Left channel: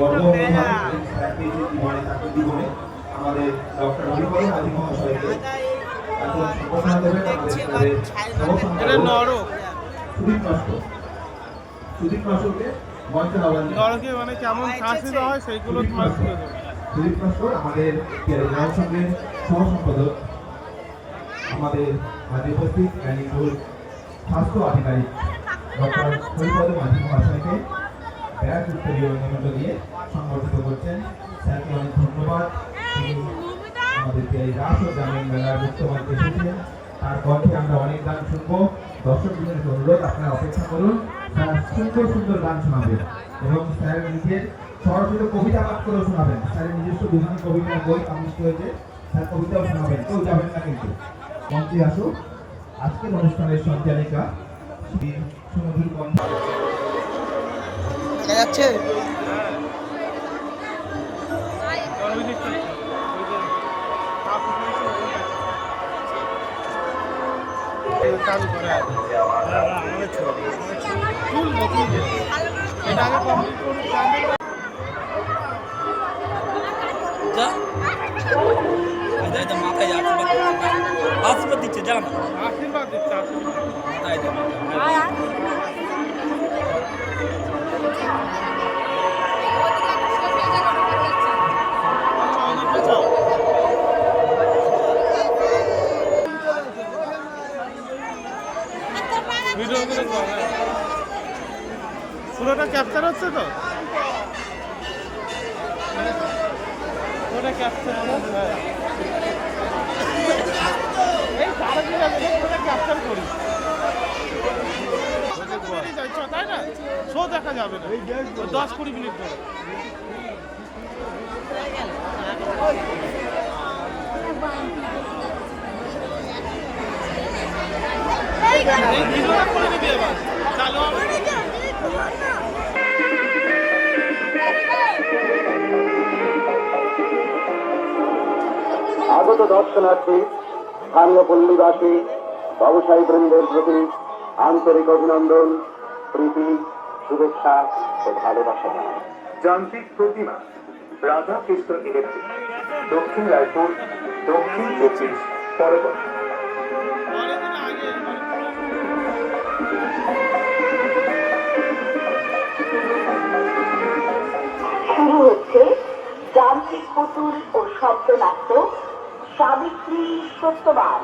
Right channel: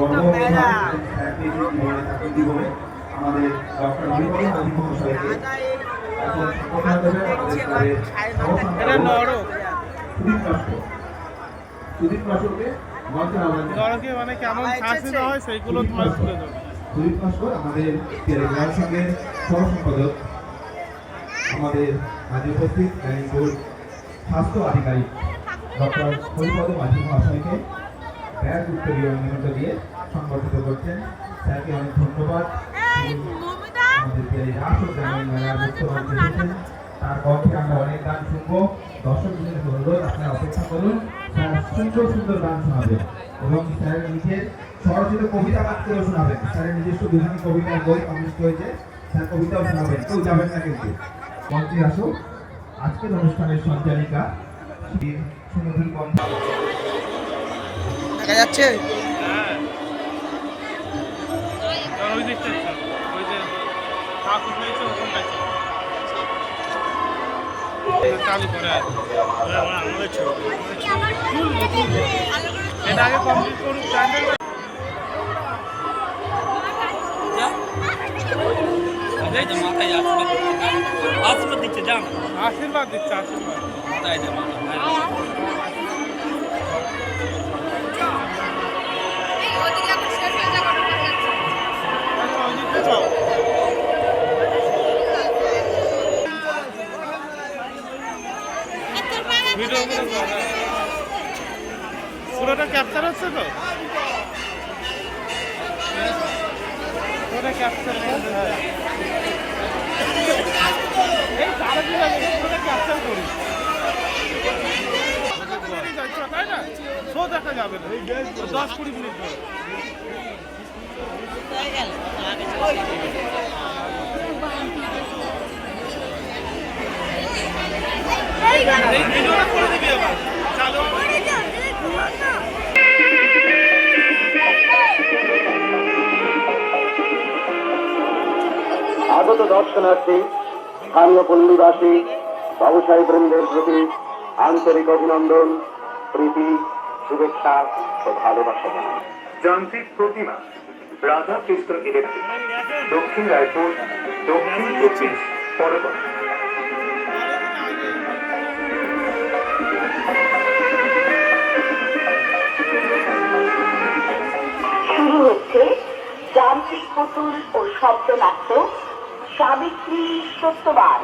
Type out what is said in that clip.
গর্ব অনুভব জীবনে আমাদের ডক্টর হরিপদ মাঝি মহাশয়কে এখন সম্বোধনা দেবেন আমাদের ক্লাবের এটা নরক সুদীপ নস্করকে মঞ্চে আহ্বান নরকে মানে কেমন শাস্তি দেওয়া হয় সেইগুলো তোমার তুলে দেবো। সুদীপ নস্কর আমাদের গ্রাম সংঘের সহ সম্পাদক, আমাদের মাঝে উপস্থিত ক্যানিং বোর্ড স্বাস্থ্য আধিকারিক ডক্টর হরিপদ মাঝি মহাশয়কে ব্যাগ উত্তরীয় নিয়মিত দিয়ে সংবর্ধিত করছেন। স্যারকে অনেক ধন্যবাদ। তিনি আমাদের এই রাস ও গ্রামীণ মেলার মুক্তবাদ এসেছেন, তার কণ্ঠে আমরা অনেক গান শুনবো। দর্শক জীবনের অনুরোধ আপনারা অপেক্ষা করুন, স্যার সুন্দর সুন্দর গান শোনাবেন এবং স্যার নিজের সরাসরি কবিতা পাঠ করে শোনাবেন। স্যারের নিজস্ব বিভিন্ন কবিতার বই পাবলিশ হয়েছে, স্যার কবিতাও শোনাবেন, কেউ যাবেন না কিন্তু। মঞ্চে আসুন আজকের অনুষ্ঠানের সঞ্চালিকা সুমধুর কণ্ঠ। দেখা যাচ্ছে ওই দিকটা ওই যে চালু করে এটা আগে কমপ্লিট করুক। আশীর্বাদ দিচ্ছে যান, আশীর্বাদ দিচ্ছে পুরোটা ক্যাপচার হচ্ছে তো, পুরোটা ক্যাপচার। হ্যাঁ এই তারা কি লাগে পুরোটা ক্যাপচার করি তাই না, শো দেখা যাবে না 10-20 মিনিট ধরে। আগত দর্শনার্থী, স্থানীয় পল্লীবাসী, ব্যবসায়ী বৃন্দের প্রতি আন্তরিক অভিনন্দন, প্রীতি, শুভেচ্ছা ও ভালোবাসা জানাই। যান্ত্রিক প্রতিমা রাধা কৃষ্ণ ইলেকট্রিক, দক্ষিণ রায়পুর, দক্ষিণ 24 পরবর্তী। শুরু হচ্ছে যান্ত্রিক পুতুল ও শব্দনাট্য সাবিত্রী সত্যবান।